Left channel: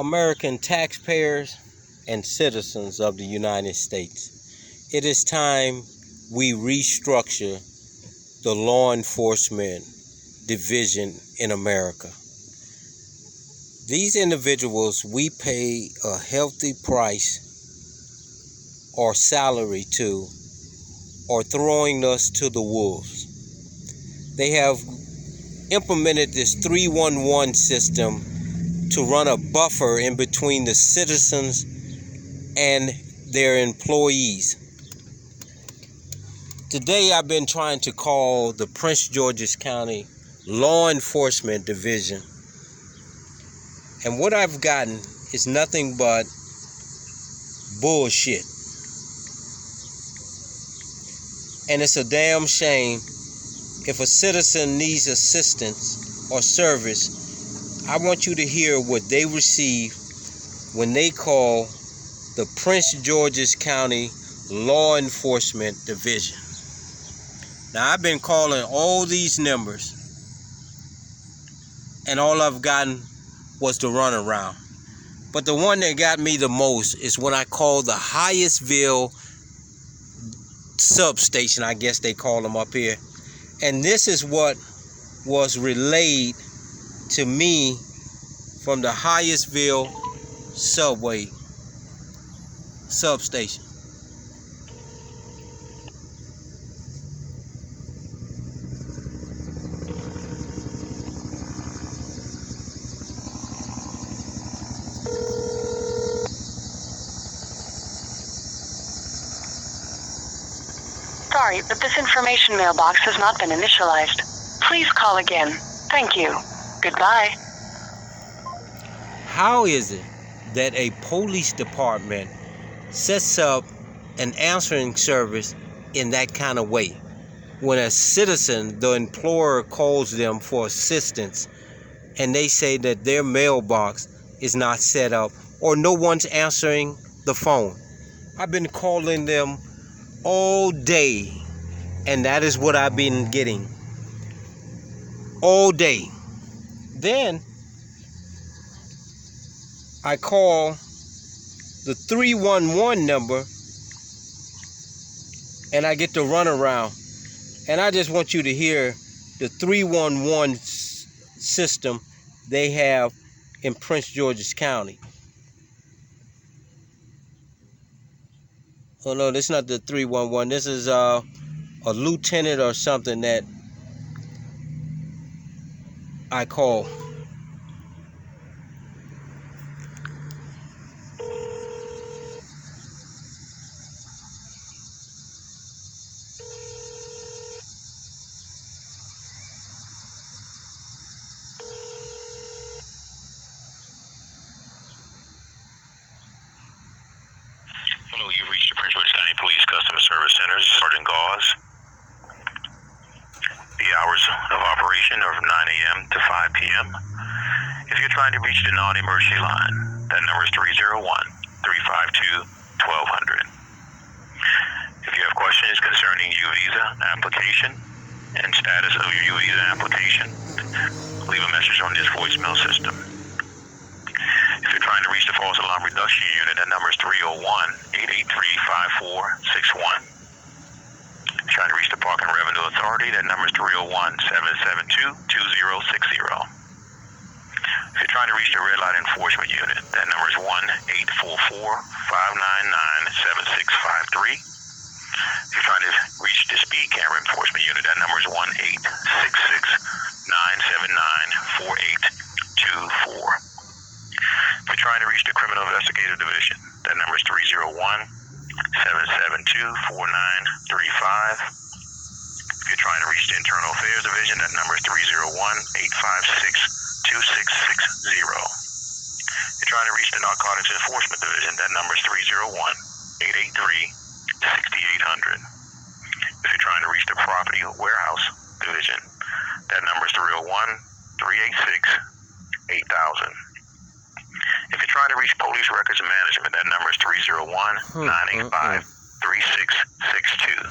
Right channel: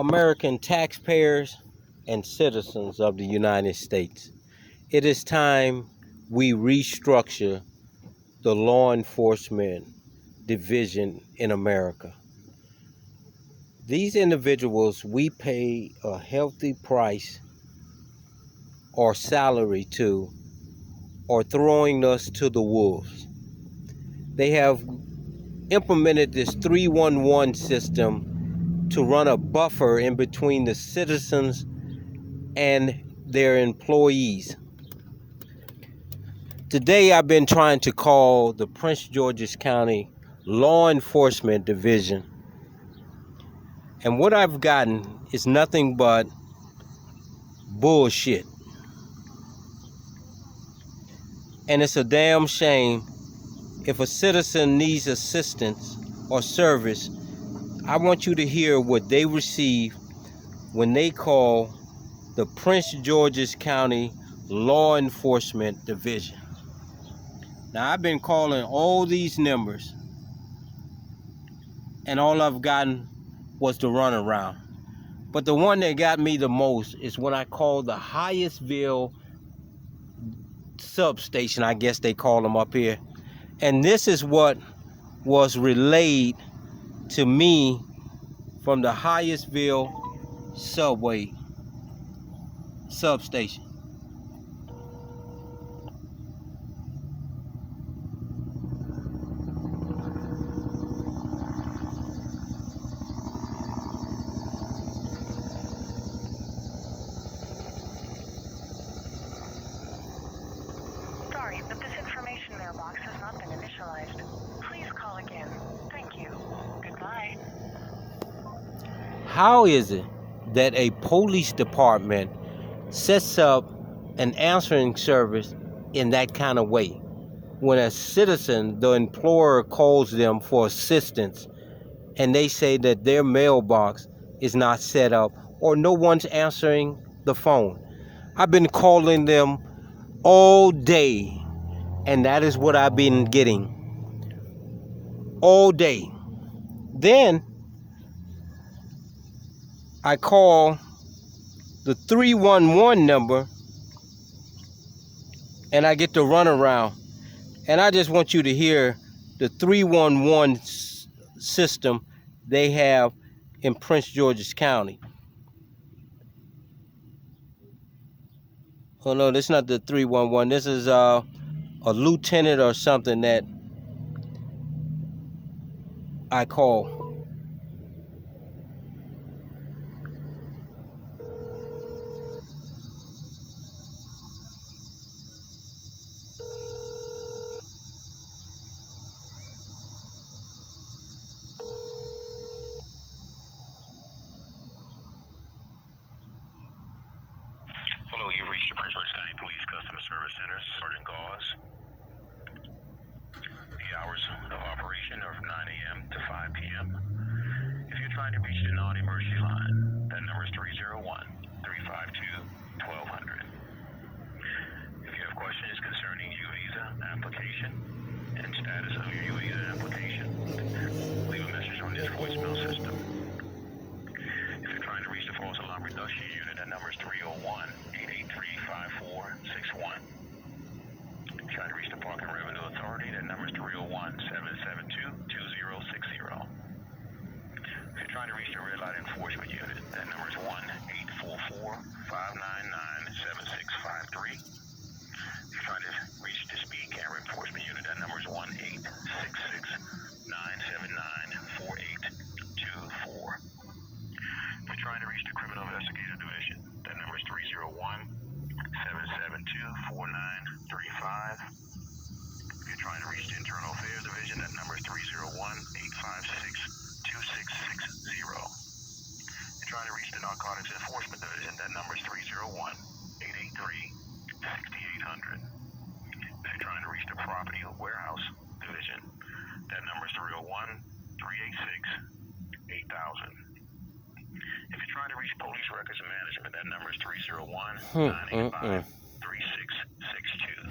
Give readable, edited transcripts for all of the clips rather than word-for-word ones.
American taxpayers and citizens of the United States, it is time we restructure the law enforcement division in America. These individuals we pay a healthy price or salary to are throwing us to the wolves. They have implemented this 311 system to run a buffer in between the citizens and their employees. Today I've been trying to call the Prince George's County Law Enforcement Division, and what I've gotten is nothing but bullshit. And it's a damn shame. If a citizen needs assistance or service, I want you to hear what they receive when they call the Prince George's County Law Enforcement Division. Now, I've been calling all these numbers, and all I've gotten was the runaround. But the one that got me the most is when I called the Hyattsville substation, I guess they call them up here. And this is what was relayed to me from the Hyattsville subway substation. Sorry, but this information mailbox has not been initialized. Please call again. Thank you. Goodbye. How is it that a police department sets up an answering service in that kind of way? When a citizen, the employer, calls them for assistance and they say that their mailbox is not set up or no one's answering the phone. I've been calling them all day, and that is what I've been getting all day. Then I call the 311 number and I get the runaround. And I just want you to hear the 311 system they have in Prince George's County. Oh no, this is not the 311. This is a lieutenant or something that I call. Hello, you've reached the Prince George's County Police Customer Service Center. Sergeant Gauze. The hours of operation are from 9 a.m. to 5 p.m. If you're trying to reach the non-emergency line, that number is 301-352-1200. If you have questions concerning U-Visa application and status of your U-Visa application, leave a message on this voicemail system. If you're trying to reach the false alarm reduction unit, that number is 301-883-5461. If you're trying to reach the Park and Revenue Authority, that number is 301-772-2060. If you're trying to reach the Red Light Enforcement Unit, that number is 1-844-599-7653. If you're trying to reach the Speed Camera Enforcement Unit, that number is 1-866-979-4824. If you're trying to reach the Criminal Investigative Division, that number is 301-772-4935. If you're trying to reach the Internal Affairs Division, that number is 301-856-2660. If you're trying to reach the Narcotics Enforcement Division, that number is 301-883-6800. If you're trying to reach the Property Warehouse Division, that number is 301-386-8000. If you're trying to reach Police Records Management, that number is 301-985-3662.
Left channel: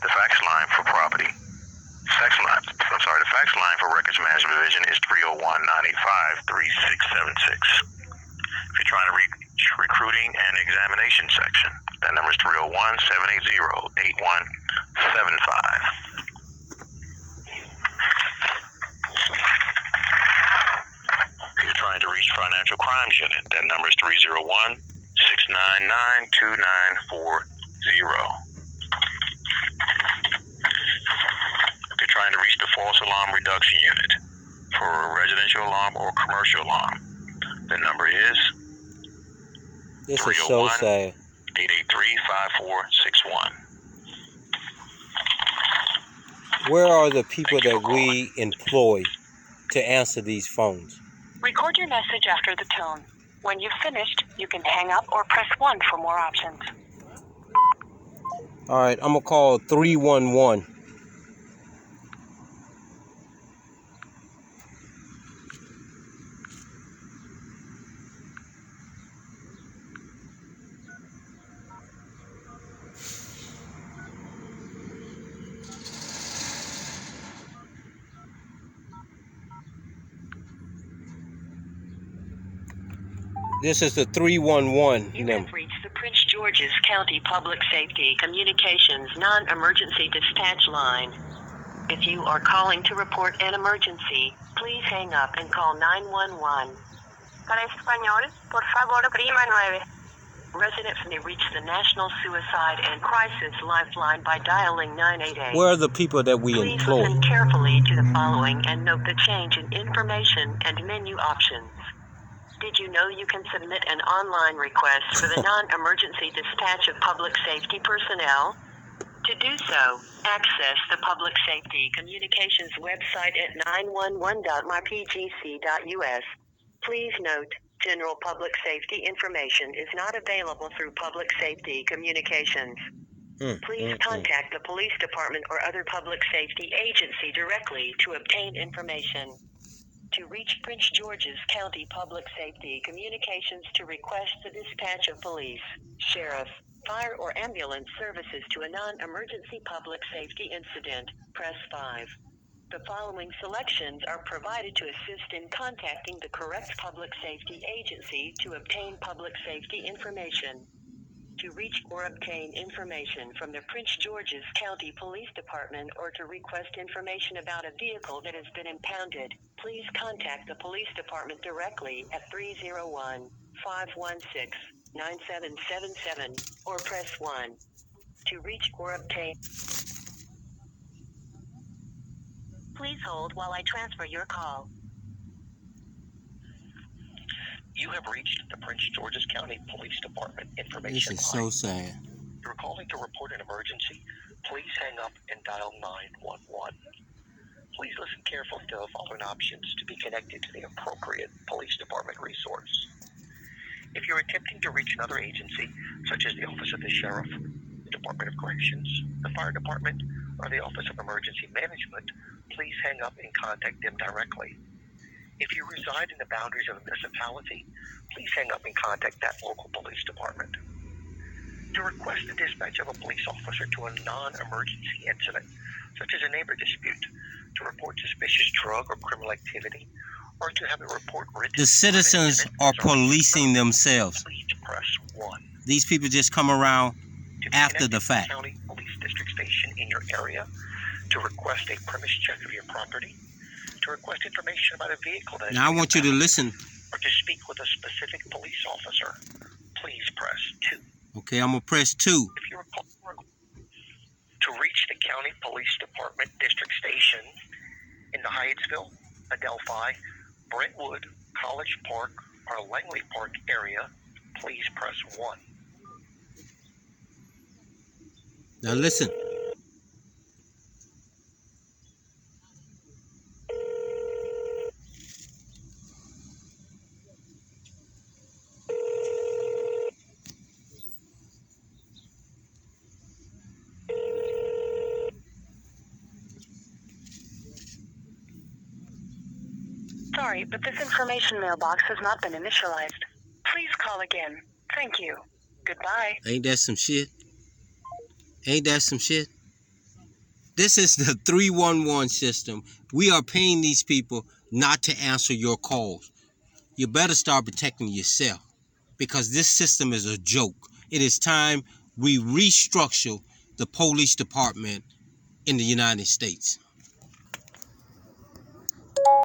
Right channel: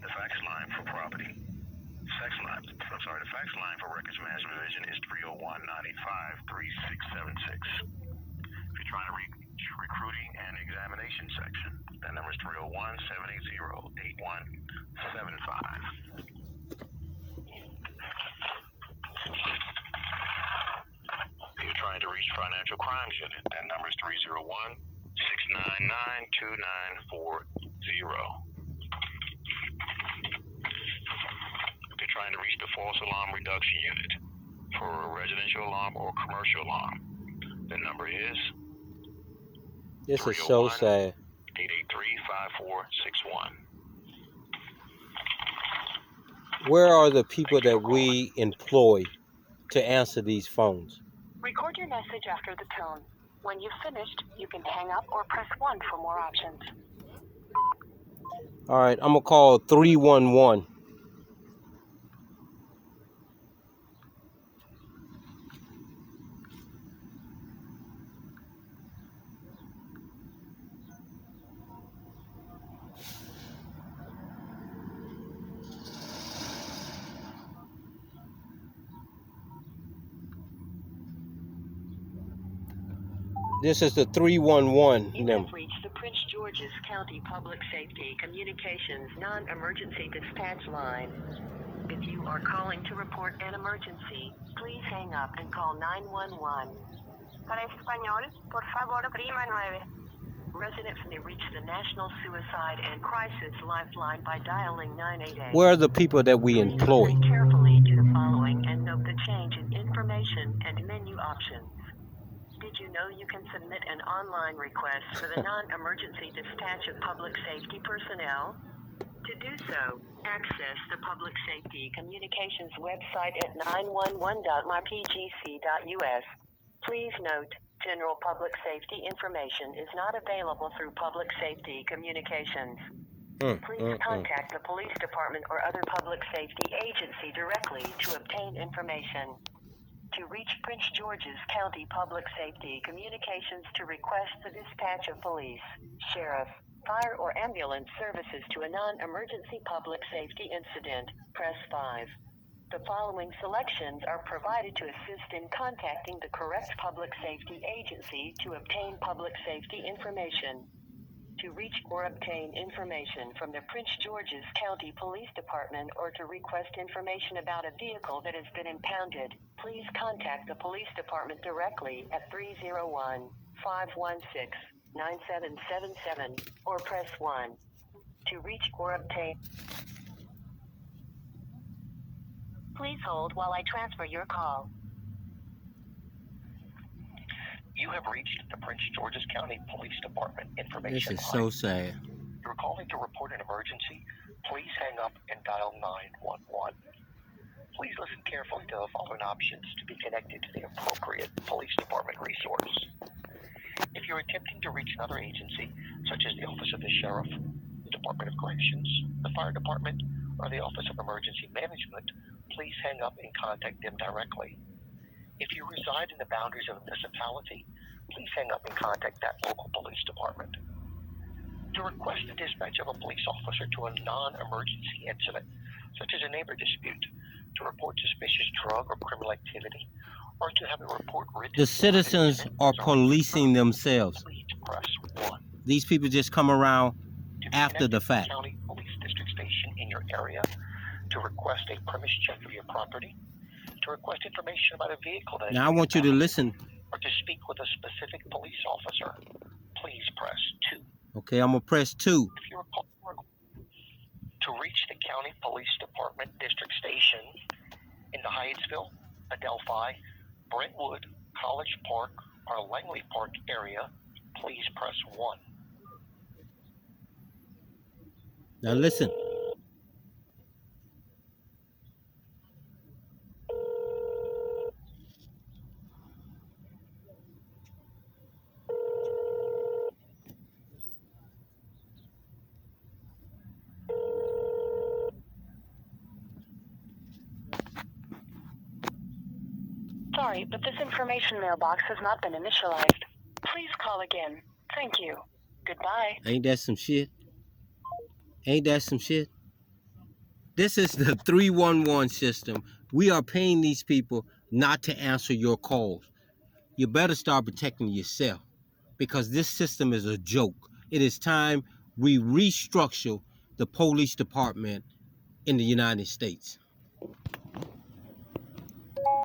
The fax line for property. The fax line for Records Management Division is 301-985-3676. If you're trying to reach recruiting and examination section, that number is 301-780-8175. If you're trying to reach financial crimes unit, that number is 301-699-2940. If you're trying to reach the false alarm reduction unit for a residential alarm or commercial alarm, the number is This is so sad. 883-5461. Where are the people that we employ to answer these phones? Record your message after the tone. When you've finished, you can hang up or press 1 for more options. All right, I'm going to call 311. This is the 311 You number. have reached the Prince George's County Public Safety Communications Non-Emergency Dispatch Line. If you are calling to report an emergency, please hang up and call 911. Para español, por favor, prima 9. Residents may reach the National Suicide and Crisis Lifeline by dialing 988. Where are the people that we Please employ? listen carefully to the following and note the change in information and menu options. Did you know you can submit an online request for the non-emergency dispatch of public safety personnel? To do so, access the Public Safety Communications website at 911.mypgc.us. Please note, general public safety information is not available through Public Safety Communications. Please contact the police department or other public safety agency directly to obtain information. To reach Prince George's County Public Safety Communications to request the dispatch of police, sheriff, fire or ambulance services to a non-emergency public safety incident, press 5. The following selections are provided to assist in contacting the correct public safety agency to obtain public safety information. To reach or obtain information from the Prince George's County Police Department or to request information about a vehicle that has been impounded, please contact the police department directly at 301-516-9777 or press 1. To reach or obtain. Please hold while I transfer your call. You have reached the Prince George's County Police Department This information is line. so sad. If you're calling to report an emergency, please hang up and dial 911. Please listen carefully to the following options to be connected to the appropriate police department resource. If you're attempting to reach another agency, such as the Office of the Sheriff, the Department of Corrections, the Fire Department, or the Office of Emergency Management, please hang up and contact them directly. If you reside in the boundaries of a municipality, please hang up and contact that local police department. To request the dispatch of a police officer to a non-emergency incident, such as a neighbor dispute, to report suspicious drug or criminal activity, or to have a report written. The citizens are policing themselves. Please press 1. These people just come around To be after the connected to fact. County Police District Station in your area, to request a premise check of your property, to request information about a vehicle that has Now I been want you to impounded, listen. or to speak with a specific police officer, please press 2. Okay, I'm going to press 2. If you are calling to reach the County Police Department District Station in the Hyattsville, Adelphi, Brentwood, College Park, or Langley Park area, please press 1. Now listen. Sorry, but this information mailbox has not been initialized. Please call again. Thank you. Goodbye. Ain't that some shit? Ain't that some shit? This is the 311 system. We are paying these people not to answer your calls. You better start protecting yourself. because this system is a joke. It is time we restructure the police department in the United States.